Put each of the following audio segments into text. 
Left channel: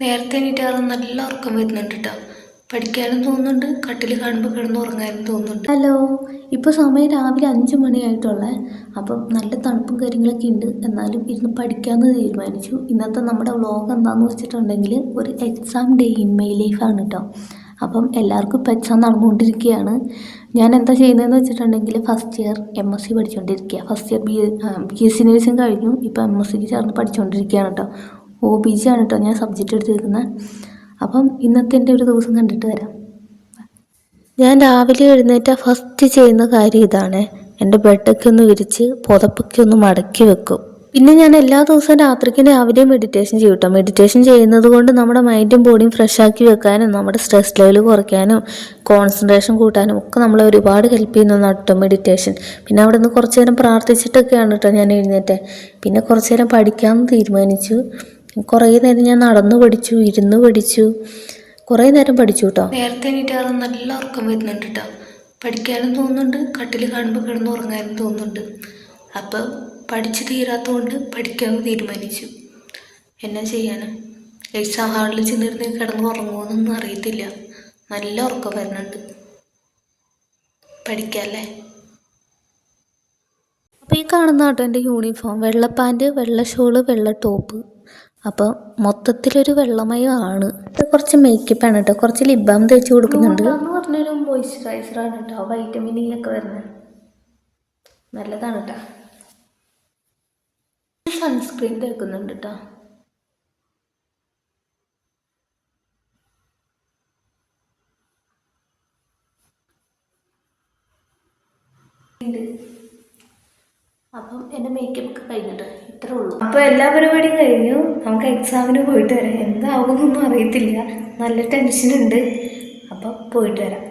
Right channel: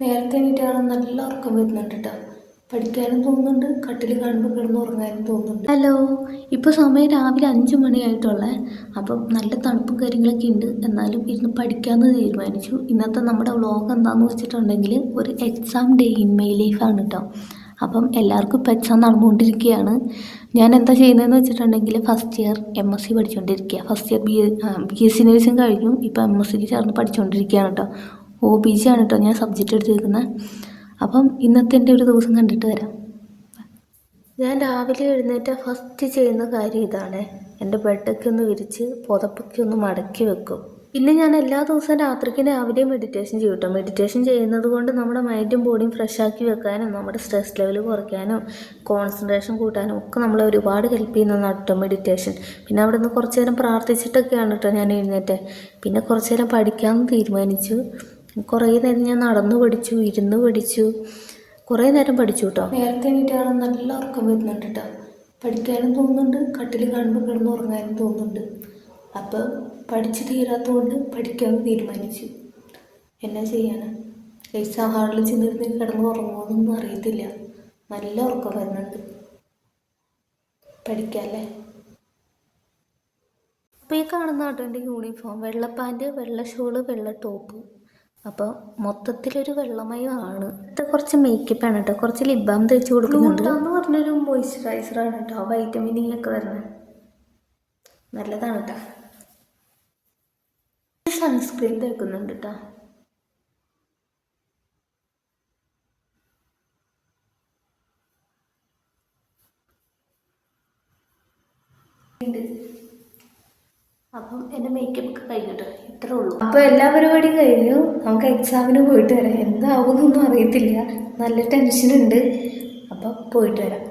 നേരത്തെ എണീറ്റാറ് നല്ല ഉറക്കം വരുന്നുണ്ട് കേട്ടോ. പഠിക്കാനും തോന്നുന്നുണ്ട്, കട്ടിൽ കാണുമ്പോൾ കിടന്ന് ഉറങ്ങാനും തോന്നുന്നുണ്ട്. ഹലോ, ഇപ്പോൾ സമയം രാവിലെ 5 മണിയായിട്ടുള്ളേ. അപ്പം നല്ല തണുപ്പും കാര്യങ്ങളൊക്കെ ഉണ്ട്. എന്നാലും ഇരുന്ന് പഠിക്കാമെന്ന് തീരുമാനിച്ചു. ഇന്നത്തെ നമ്മുടെ വ്ളോഗ് എന്താണെന്ന് വെച്ചിട്ടുണ്ടെങ്കിൽ ഒരു എക്സാം ഡേ ഇൻ മൈ ലൈഫാണ് കേട്ടോ. അപ്പം എല്ലാവർക്കും ഇപ്പോൾ എക്സാം നടന്നുകൊണ്ടിരിക്കുകയാണ്. ഞാൻ എന്താ ചെയ്യുന്നതെന്ന് വെച്ചിട്ടുണ്ടെങ്കിൽ ഫസ്റ്റ് ഇയർ MSc പഠിച്ചുകൊണ്ടിരിക്കുക. ഫസ്റ്റ് ഇയർ BSc നഴ്സിംഗ് കഴിഞ്ഞു. ഇപ്പോൾ MScക്ക് ചേർന്ന് പഠിച്ചുകൊണ്ടിരിക്കുകയാണ് കേട്ടോ. OBG ആണ് കേട്ടോ ഞാൻ സബ്ജക്റ്റ് എടുത്തിരിക്കുന്നത്. അപ്പം ഇന്നത്തെ എൻ്റെ ഒരു ദിവസം കണ്ടിട്ട് വരാം. ഞാൻ രാവിലെ എഴുന്നേറ്റ ഫസ്റ്റ് ചെയ്യുന്ന കാര്യം ഇതാണ്. എൻ്റെ ബെഡൊക്കെ ഒന്ന് വിരിച്ച് പുതപ്പൊക്കെ ഒന്ന് മടക്കി വെക്കും. പിന്നെ ഞാൻ എല്ലാ ദിവസവും രാത്രിക്ക് രാവിലെ മെഡിറ്റേഷൻ ചെയ്യും കേട്ടോ. മെഡിറ്റേഷൻ ചെയ്യുന്നത് കൊണ്ട് നമ്മുടെ മൈൻഡും ബോഡിയും ഫ്രഷ് ആക്കി വെക്കാനും നമ്മുടെ സ്ട്രെസ് ലെവൽ കുറയ്ക്കാനും കോൺസെൻട്രേഷൻ കൂട്ടാനും ഒക്കെ നമ്മളെ ഒരുപാട് ഹെൽപ്പ് ചെയ്യുന്നതാണ് കേട്ടോ മെഡിറ്റേഷൻ. പിന്നെ അവിടെ നിന്ന് കുറച്ച് നേരം പ്രാർത്ഥിച്ചിട്ടൊക്കെയാണ് കേട്ടോ ഞാൻ എഴുന്നേറ്റേ. പിന്നെ കുറച്ച് നേരം പഠിക്കാമെന്ന് തീരുമാനിച്ചു. കുറേ നേരം ഞാൻ നടന്നു പഠിച്ചു, ഇരുന്ന് പഠിച്ചു, കുറേ നേരം പഠിച്ചു കേട്ടോ. നേരത്തെ എണീറ്റാറ് നല്ല ഉറക്കം വരുന്നുണ്ട് കേട്ടോ. പഠിക്കാനും തോന്നുന്നുണ്ട്, കട്ടിൽ കാണുമ്പോൾ കിടന്ന് ഉറങ്ങാനും തോന്നുന്നുണ്ട്. അപ്പം പഠിച്ച് തീരാത്തതുകൊണ്ട് പഠിക്കാമെന്ന് തീരുമാനിച്ചു. എന്നാ ചെയ്യാനാ, എക്സാം ഹാളിൽ ചെന്നിരുന്ന് കിടന്ന് ഉറങ്ങുമെന്നൊന്നും അറിയത്തില്ല. നല്ല ഉറക്കം വരുന്നുണ്ട്. പഠിക്കാമല്ലേ. അപ്പോൾ ഈ കാണുന്ന കേട്ടോ എൻ്റെ യൂണിഫോം. വെള്ള പാൻറ്റ്, വെള്ള ഷോള്, വെള്ള ടോപ്പ്. അപ്പോൾ മൊത്തത്തിലൊരു വെള്ളമയമാണ്. ഇത് കുറച്ച് മേക്കപ്പാണ് കേട്ടോ. കുറച്ച് ലിപ് ബാം തേച്ച് കൊടുക്കുന്നുണ്ട്. എന്ന് പറഞ്ഞൊരു മോയ്സ്ചറൈസറാണ് കേട്ടോ. വൈറ്റമിൻ E ഒക്കെ വരുന്നത് നല്ലതാണ് കേട്ടോ. സൺസ്ക്രീൻ തേക്കുന്നുണ്ട് കേട്ടോ. അപ്പം എൻ്റെ മേക്കപ്പ് ഒക്കെ കഴിഞ്ഞിട്ട് ഇത്രേ ഉള്ളൂ. അപ്പോൾ എല്ലാ പരിപാടിയും കഴിഞ്ഞു. നമുക്ക് എക്സാമിന് പോയിട്ട് വരാം. എന്താകുമെന്നൊന്നും അറിയത്തില്ല, നല്ല ടെൻഷനുണ്ട്. അപ്പം പോയിട്ട് വരാം.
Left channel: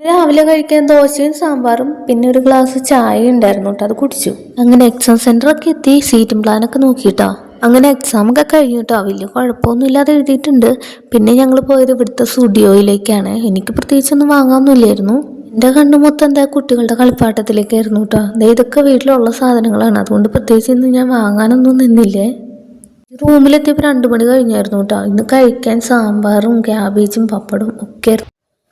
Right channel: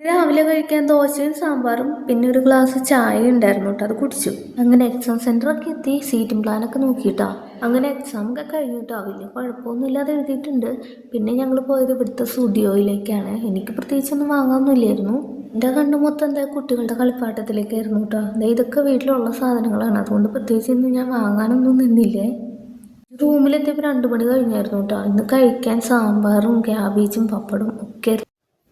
രാവിലെ കഴിക്കാൻ ദോശയും സാമ്പാറും പിന്നെ ഒരു ഗ്ലാസ് ചായ ഉണ്ടായിരുന്നു കേട്ടോ. അത് കുടിച്ചു. അങ്ങനെ എക്സാം സെൻറ്ററൊക്കെ എത്തി. സീറ്റും പ്ലാനൊക്കെ നോക്കിയിട്ടോ. അങ്ങനെ എക്സാമൊക്കെ കഴിഞ്ഞു കേട്ടോ. വലിയ കുഴപ്പമൊന്നും ഇല്ലാതെ എഴുതിയിട്ടുണ്ട്. പിന്നെ ഞങ്ങൾ പോയത് ഇവിടുത്തെ സ്റ്റുഡിയോയിലേക്കാണ്. എനിക്ക് പ്രത്യേകിച്ചൊന്നും വാങ്ങാനൊന്നുമില്ലായിരുന്നു. എൻ്റെ കണ്ണു മൊത്തം എന്താ കുട്ടികളുടെ കളിപ്പാട്ടത്തിലേക്കായിരുന്നു കേട്ടോ. ഇതൊക്കെ വീട്ടിലുള്ള സാധനങ്ങളാണ്. അതുകൊണ്ട് പ്രത്യേകിച്ച് ഇന്ന് ഞാൻ വാങ്ങാനൊന്നും നിന്നില്ലേ. റൂമിലെത്തിയപ്പോൾ 2 മണി കഴിഞ്ഞായിരുന്നു കേട്ടോ. ഇന്ന് കഴിക്കാൻ സാമ്പാറും ക്യാബേജും പപ്പടും ഒക്കെ.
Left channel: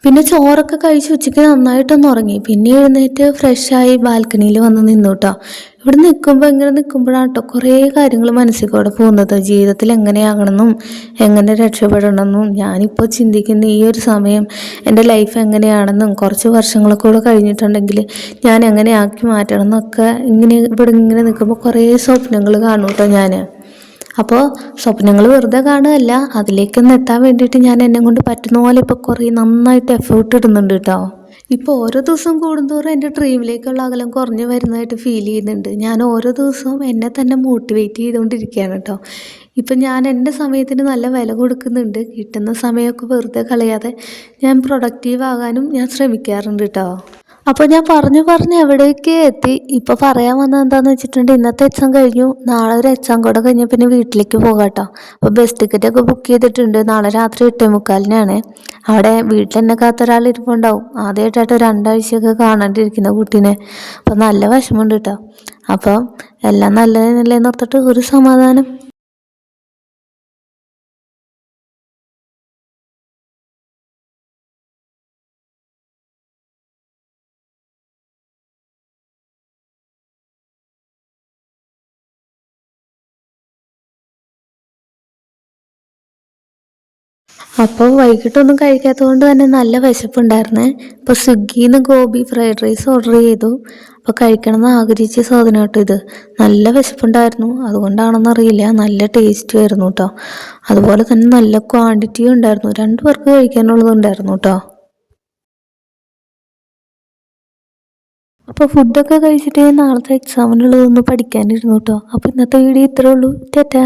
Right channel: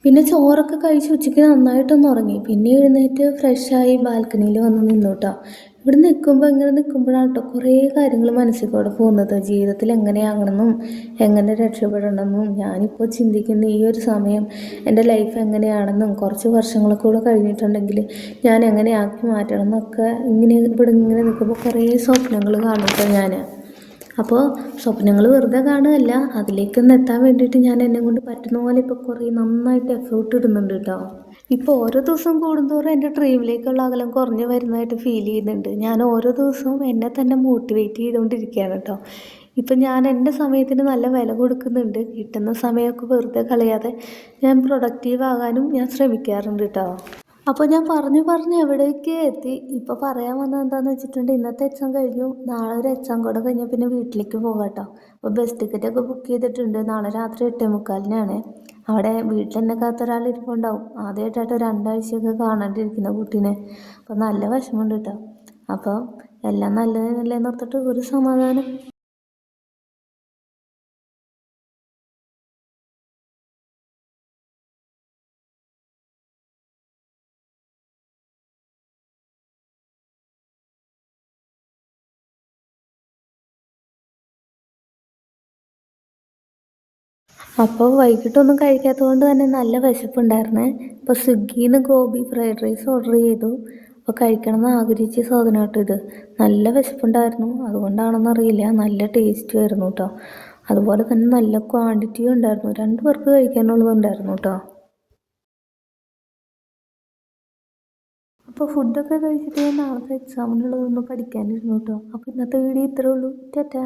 പിന്നെ ചോറൊക്കെ കഴിച്ച് ഉച്ചയ്ക്ക് നന്നായിട്ടൊന്ന് ഉറങ്ങി. പിന്നെ എഴുന്നേറ്റ് ഫ്രഷായി ബാൽക്കണിയിൽ വന്ന് നിന്നു കേട്ടോ. ഇവിടെ ഇങ്ങനെ നിൽക്കുമ്പോഴാണ് കേട്ടോ കുറേ കാര്യങ്ങൾ മനസ്സിൽ കൂടെ പോകുന്നത്. ജീവിതത്തിൽ എങ്ങനെയാകണമെന്നും എങ്ങനെ രക്ഷപ്പെടണമെന്നും ഞാനിപ്പോൾ ചിന്തിക്കുന്ന ഈ ഒരു സമയം എൻ്റെ ലൈഫ് എങ്ങനെയാണെന്നും കുറച്ച് വർഷങ്ങളൊക്കെ കൂടെ കഴിഞ്ഞിട്ടുണ്ടെങ്കിൽ ഞാൻ എങ്ങനെ ആക്കി മാറ്റണം എന്നൊക്കെ ഇങ്ങനെ നിൽക്കുമ്പോൾ കുറേ സ്വപ്നങ്ങൾ കാണും കേട്ടോ ഞാൻ. അപ്പോൾ സ്വപ്നങ്ങൾ വെറുതെ കാണുകയല്ല, അതിലേക്കൊന്ന് എത്താൻ വേണ്ടിയിട്ട് ഞാൻ എന്നെ കൊണ്ട് പറ്റുന്ന പോലെ ഇപ്പോൾ കുറേ നന്നായിട്ട് എഫേർട്ട് ഇടുന്നുണ്ട് കേട്ടോ. ഇപ്പോൾ ഓരോ ദിവസം കൂടുന്തോറും എൻ്റെ ഡ്രീമിലേക്കുള്ള അകലം കുറഞ്ഞു വരുന്നതായിട്ട് ഫീൽ ചെയ്യുന്നുണ്ട്. ഞാൻ ഓരോ ദിവസവും എന്നെ തന്നെ മോട്ടിവേറ്റ് ചെയ്തുകൊണ്ടിരിക്കുകയാണ് കേട്ടോ. ഇപ്പം ഞാൻ എൻ്റെ സമയത്തിന് നല്ല വില കൊടുക്കുന്നുണ്ട്. കിട്ടുന്ന സമയമൊക്കെ വെറുതെ കളയാതെ ഞാൻ പ്രൊഡക്റ്റീവ് ആകാനും ഞാൻ ശ്രമിക്കാറുണ്ട് കേട്ടോ. അപ്പോൾ ഞാൻ പറഞ്ഞ് എവിടേക്ക് എത്തി. ഇപ്പോൾ പറയാൻ വന്നത് എന്താണെന്ന് വെച്ചിട്ടുണ്ടെങ്കിൽ ഇന്നത്തെ എക്സാം കഴിഞ്ഞു. നാളെ ഒരു എക്സാം കൂടെ കഴിഞ്ഞാൽ പിന്നെ വീട്ടിലേക്ക് പോകാം കേട്ടോ. അപ്പോൾ ബസ് ടിക്കറ്റൊക്കെ ബുക്ക് ചെയ്തിട്ടുണ്ട്. നാളെ രാത്രി 8:45 അവിടെ വീട്ടിൽ എന്നെ കാത്തൊരാൾ ഇരിപ്പുണ്ടാവും. ആദ്യമായിട്ടായിട്ട് 2 ആഴ്ചയൊക്കെ കാണാണ്ടിരിക്കുന്ന കുട്ടീനെ. അപ്പോൾ നല്ല വിഷമമുണ്ട് കേട്ടോ. അപ്പം എല്ലാം നല്ലതല്ലേ നിർത്തിട്ട് ഒരു സമാധാനം. അപ്പോൾ വൈകിട്ടൊന്നും കഴിക്കാത്തത് കൊണ്ട് തന്നെ നല്ല വിശപ്പുണ്ടായിരുന്നേ. അപ്പോൾ സ്വിഗ്ഗിയിൽ നിന്ന് ഗോബി ഫ്രൈഡ് റൈസ് ഓർഡർ ചെയ്തു. അപ്പോൾ കഴിക്കണമെന്ന് ആഗ്രഹിച്ച സാധനം കേട്ടോ ഇത്. നല്ല വിശപ്പുണ്ടായിരുന്നു, അതുകൊണ്ടാണെന്നറിയില്ല, നല്ല ടേസ്റ്റും ആയിരുന്നു കേട്ടോ. അതുപോലെ തന്നെ നല്ല ക്വാണ്ടിറ്റിയും ഉണ്ടായിരുന്നു. 2 പേർക്ക് കഴിക്കാനുള്ളതുണ്ടായിരുന്നു കേട്ടോ. അപ്പോൾ ഫുഡൊക്കെ കഴിച്ചിട്ട് നാളത്തെ എക്സാമിനുള്ളതൊന്ന് പഠിക്കാനിരുന്നു കേട്ടോ. അപ്പോൾ ഇന്നത്തെ വീഡിയോ ഇത്രേ ഉള്ളൂ. ടാറ്റാ.